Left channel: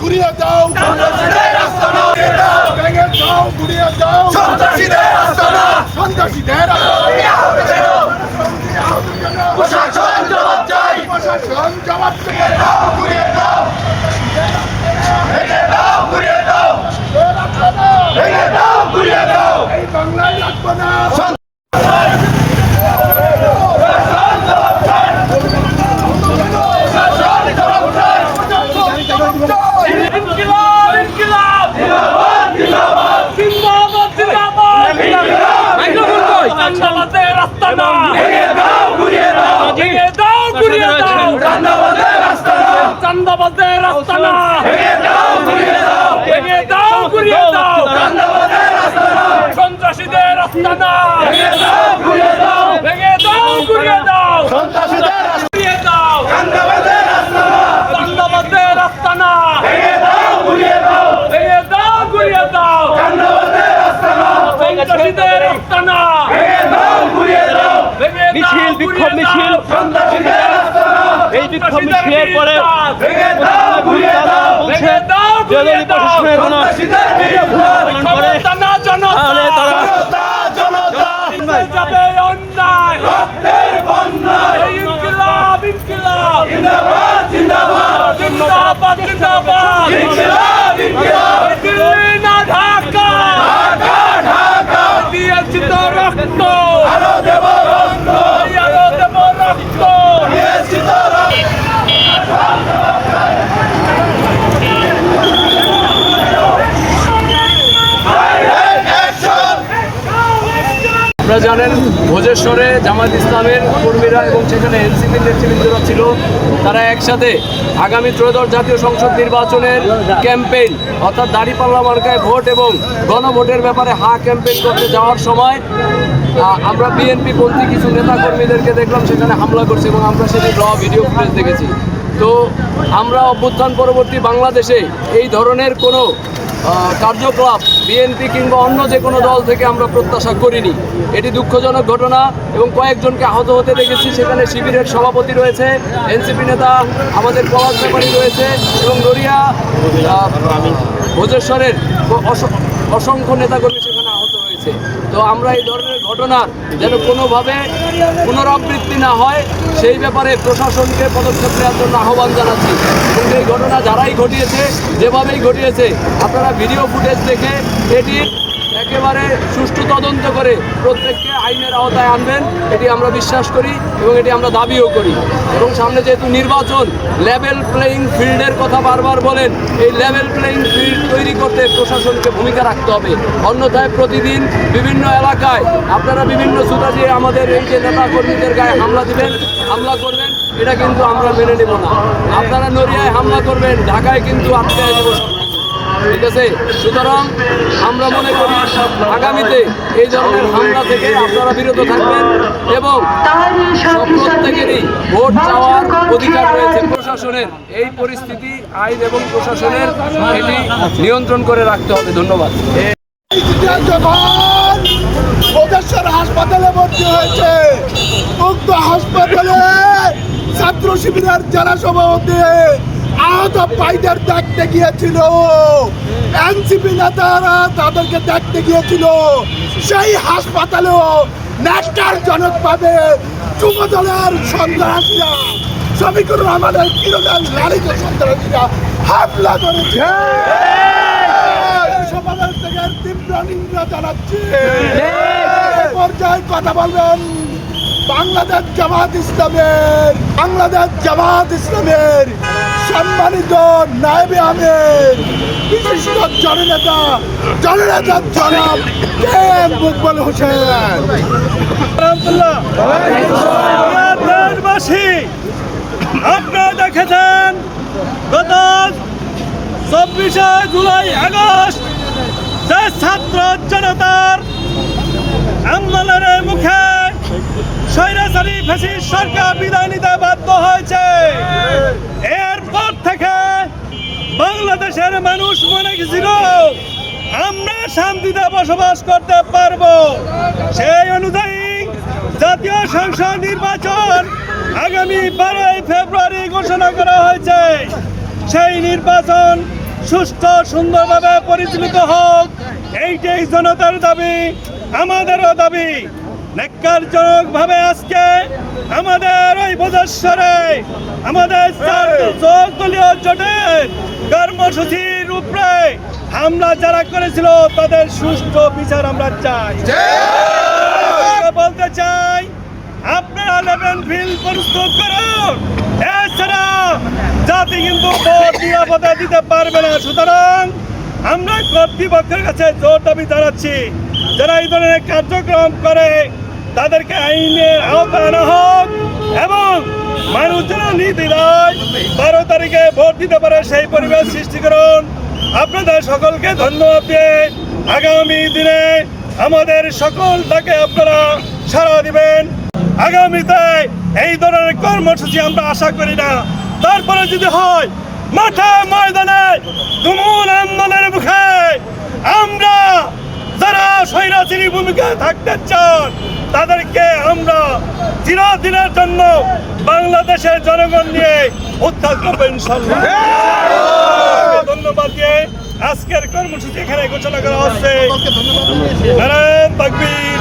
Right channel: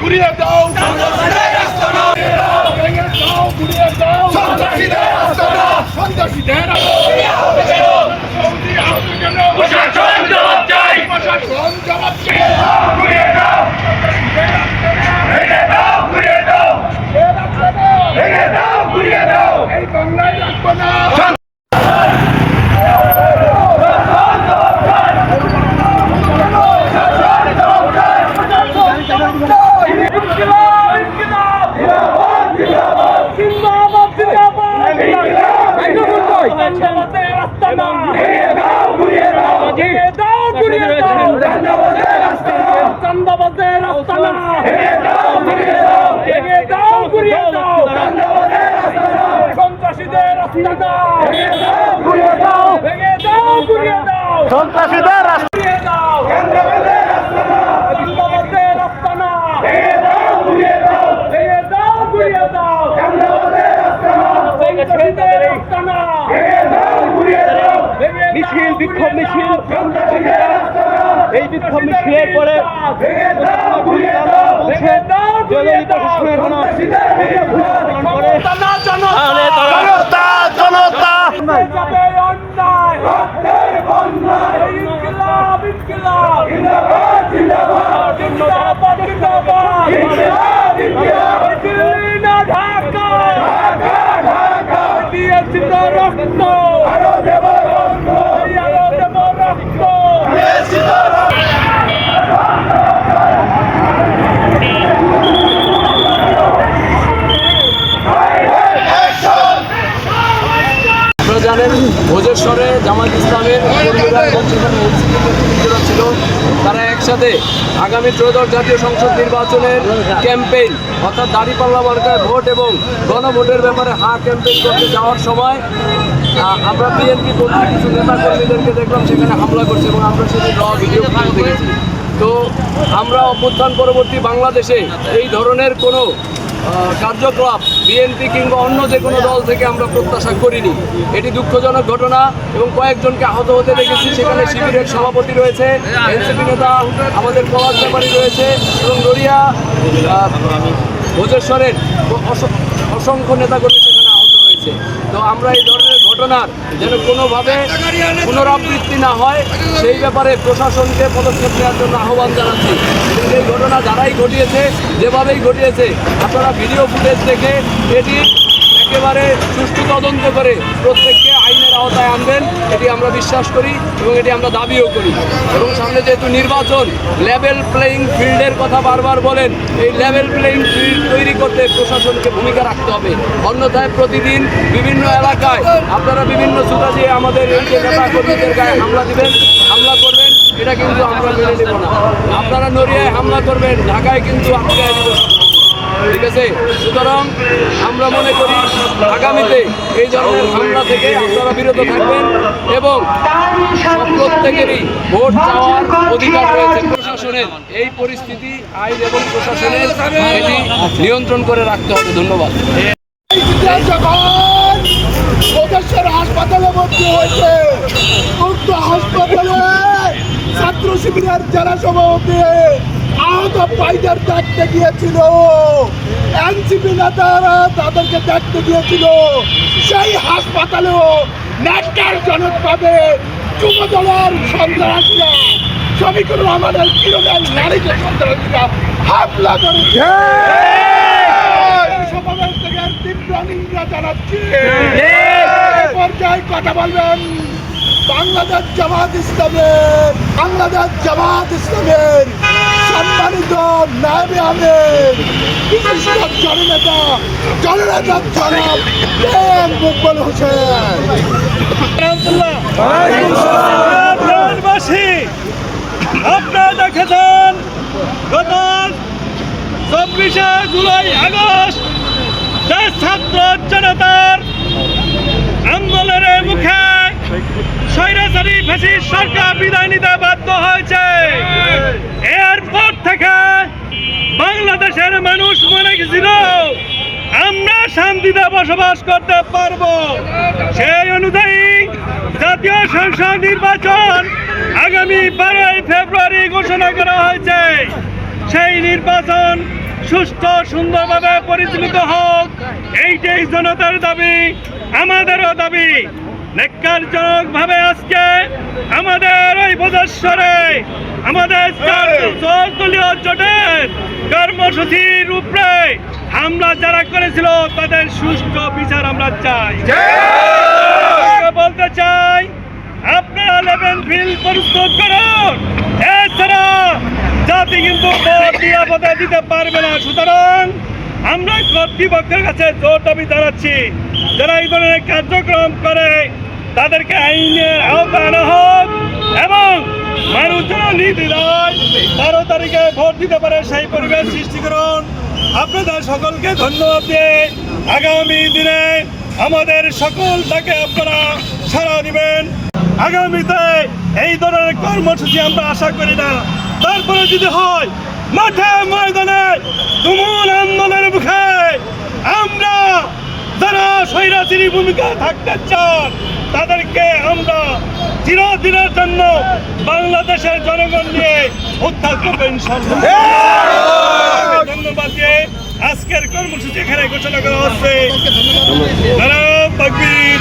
ঘুরিয়ে দাও, ভেঙে দাও, ঘুরিয়ে দাও, সন্ত্রাসীদের প্রশাসন জবাব চাই, প্রশাসন জবাব চাই, ঘুরিয়ে দাও, ভেঙে দাও, ঘুরিয়ে দাও, ভেঙে দাও, ঘুরিয়ে দাও, এই বাংলায় রাখবো না। চান্দাবাজের আস্তানা ভেঙে দাও, ঘুরিয়ে দাও, ভেঙে দাও, ঘুরিয়ে দাও, চান্দাবাজের আস্তানা, চান্দাবাজের আস্তানা ভেঙে দাও, ঘুরিয়ে দাও, ভেঙে দাও, ঘুরিয়ে দাও, চান্দাবাজের আস্তানা, সন্ত্রাসীদের আস্তানা ভেঙে দাও, ঘুরিয়ে দাও, ভেঙে দাও, ঘুরিয়ে দাও, সন্ত্রাসীদের ঘুরিয়ে দাও, চান্দাবাজের আস্তানা, চান্দাবাজের আস্তানা ভেঙে দাও, ঘুরিয়ে দাও, ভেঙে দাও, ঘুরিয়ে দাও, চান্দাবাজের আস্তানা, সন্ত্রাসীদের আস্তানা ভেঙে দাও, ঘুরিয়ে দাও, ভেঙে দাও, মিছিল বিক্ষোভ মিছিল সন্ত্রাসীদের আস্তানা, এই বিক্ষোভ মিছিলের পরে ভেঙে দাও, ঘুরিয়ে দাও, ভেঙে দাও, ঘুরিয়ে দাও, সন্ত্রাসীদের বিরুদ্ধে ক্ষমতা না জনতা, জনতা জনতা যাবে অন্যায় রক্তের বন্যায়, এই ইনকিলাব ইনকিলাব জিন্দাবাদ জিন্দাবাদ জিন্দাবাদ জিন্দাবাদ ইনকিলাব ইনকিলাব, দিল্লি না ঢাকা, ঢাকা ঢাকা দিয়েছি তো রক্ত, আরো দেব রক্ত, আরো দেব রক্ত, দিয়েছি তো রক্ত। আপনারা জানেন ভোজেশ্বরে জামায়াত ইসলামের কর্মীরা এবং সেখানে এনসিপি নেতৃবৃন্দরা ছিল, তারা একসাথে আগামী ত্রয়োদশ জাতীয় সংসদ নির্বাচনের ক্যাম্পেইন অর্থাৎ দাঁড়িপাল্লা মার্কায় ভোট এবং গণভোটের ব্যাপারে ক্যাম্পেইন করতে যাওয়ার সময় আমরা বিএনপি পন্থী কিছু নেতাকর্মীদেরকে দেখলাম সেখানে হামলা করছে এবং আমরা সেটি ভিডিও ফুটেজ দেখেছি। তো আমরা অভ্যুত্থান পরবর্তী বাংলাদেশে এই ধরনের কোনো কার্যকলাপ বিএনপি কিংবা অন্য যে কোনো দল থেকে আমরা প্রত্যাশা করিনি। এটি দুঃখজনক ঘটনা এবং কয়েকজনকে আহত হতে দেখেছি। সেখানে শিবিরের সভাপতি রয়েছে, এনসিপি নেতা আমাদের পলাশ ব্যাপারী রয়েছে এবং নড়িয়া ভোজেশ্বরের অসংখ্য নেতাকর্মী সেখানে আহত হয়েছে। তো আমরা এই ধরনের ঘটনার যেন কোনোভাবে পুনরাবৃত্তি না হয় সেই ব্যাপারে প্রশাসনকে পদক্ষেপ নেওয়ার জন্য আহ্বান জানাচ্ছি। এবং এই ঘটনা যারাই ঘটিয়েছে, যেভাবেই ঘটিয়েছে, আপনারা ভিডিও ফুটেজ দেখে এটি একেবারে সুষ্ঠু তদন্ত করে প্রত্যেককে আইনের আওতায় আনবেন, এটি আমরা বিশ্বাস করি এবং এটি আমরা দাবিও করি। এবং সামনে যেহেতু নির্বাচন, লেভেল প্লেয়িং ফিল্ডের কথা বারবার বলেন, এই লেভেল প্লেয়িং ফিল্ড তৈরি করতে প্রশাসনকে ভূমিকা রাখতে হবে। অন্যথায় প্রতিদিন বিভিন্ন এলাকায় আপনারা বিভিন্ন ছুটা দিয়ে আমাদের এই যে নেতা কর্মীদের গায়ে হামলা দিবেন, হামলা করবেন, এটা কিন্তু আমরা মেনে নেব না। আপনারা নড়িয়ায় হামলা করবেন, ঢাকায় কিন্তু আটকায় দেব, ঠিক আছে? সুতরাং আমরা মনে করি আগামীতে এই ধরনের হামলা থেকে আপনারা বিরত থাকবেন এবং প্রত্যেকেরই ভোট চাওয়ার অধিকার রয়েছে। প্রশাসনের এই পরিস্থিতি আইন এবং প্রশাসনের এটি নিয়ন্ত্রণ করে রাখতে হবে। ধন্যবাদ। হাসপাতালে ভর্তি হয়েছে, উক্ত হাসপাতালে ছাত্র শিবিরের যারা সভাপতি আহত ভাইদের দেখতে গিয়েছিল, এনসিপি নেতারা তাদেরকে দেখতে গিয়েছিল। সেই হাসপাতালেও ন্যাক্কারজনকভাবে যুবদলের সন্ত্রাসীরা, শফিকুর রহমানের কিরণের নারীকে সন্ত্রাসীরা হামলা করেছে। সমাবেশ থেকে তীব্র নিন্দা জানাচ্ছি। পর্যায়ে কথা বলবেন বাংলাদেশ জামায়াত ইসলামের সম্মানিত নায়েবে আমির, বিশিষ্ট জননেতা জনাব মকবুল হোসেন। আপনারা দেখেছেন গত 24শে জুলাই আগস্ট যে ছাত্র জনতার আন্দোলনের মুখে স্বৈরাচারী ফ্যাসিস্ট সরকার বিদায় নিতে বাধ্য হয়েছে। এরপর থেকে বাংলাদেশের মানুষ মনে গেছিল আমরা শান্তিতে বসবাস করতে পারবো। সেই অনুযায়ী জাতীয় সংসদ নির্বাচন আগামী 12 ফেব্রুয়ারি ঘোষণা করা হয়েছে। সেই নির্বাচন সুষ্ঠু সুন্দরভাবে পরিচালিত হোক, এইটাই জনতার দাবি, আমাদেরও দাবি। ন্যাক্কারজনকভাবে আজকে আমাদের ওই বদেশ্বরে আমাদের দলীয় জোটের কর্মসূচির উপরে হামলা যারা করেছিল তাদের সুষ্ঠু বিচার আমরা চাই। বলতে চাই, আপনারা লেভেল ফিল্ড প্রস্তুত করুন, এছাড়া জাতি কিন্তু ভোট নিরাপদে দিতে পারবে না। সুতরাং আমরা কর্তৃপক্ষের কাছে জোর দাবি জানাচ্ছি, যারা এই ধরনের কার্যক্রম করে তাদেরকে আইনের আওতায় আনা হোক এবং মানুষ যেন নির্দ্বিধায় 12 তারিখে ভোট দিতে পারে সেই পরিবেশ সৃষ্টি করুন। আপনাদের সকলকে ধন্যবাদ দিয়ে আগামী দিনে আমাদের সকলটাকে আপনারা সাড়া দিবেন। আগামীতে এই ধরনের কর্মসূচি আমরা আশা করি না, তারপরে যদি হয় মাঠে ময়দানে তুমুল আন্দোলনের মুখে আমরা যারা স্বৈরাচারী ভূমিকায় থাকতে চান তাদেরকে আমরা চিরদিনের জন্য বাংলাদেশের জনগণ নিয়ে উদ্ধার করবো ইনশাআল্লাহ। ধন্যবাদ দিয়ে আজকের কর্মসূচি এখানে ঘোষণা করা হচ্ছে। নারায়ে তাকবীর।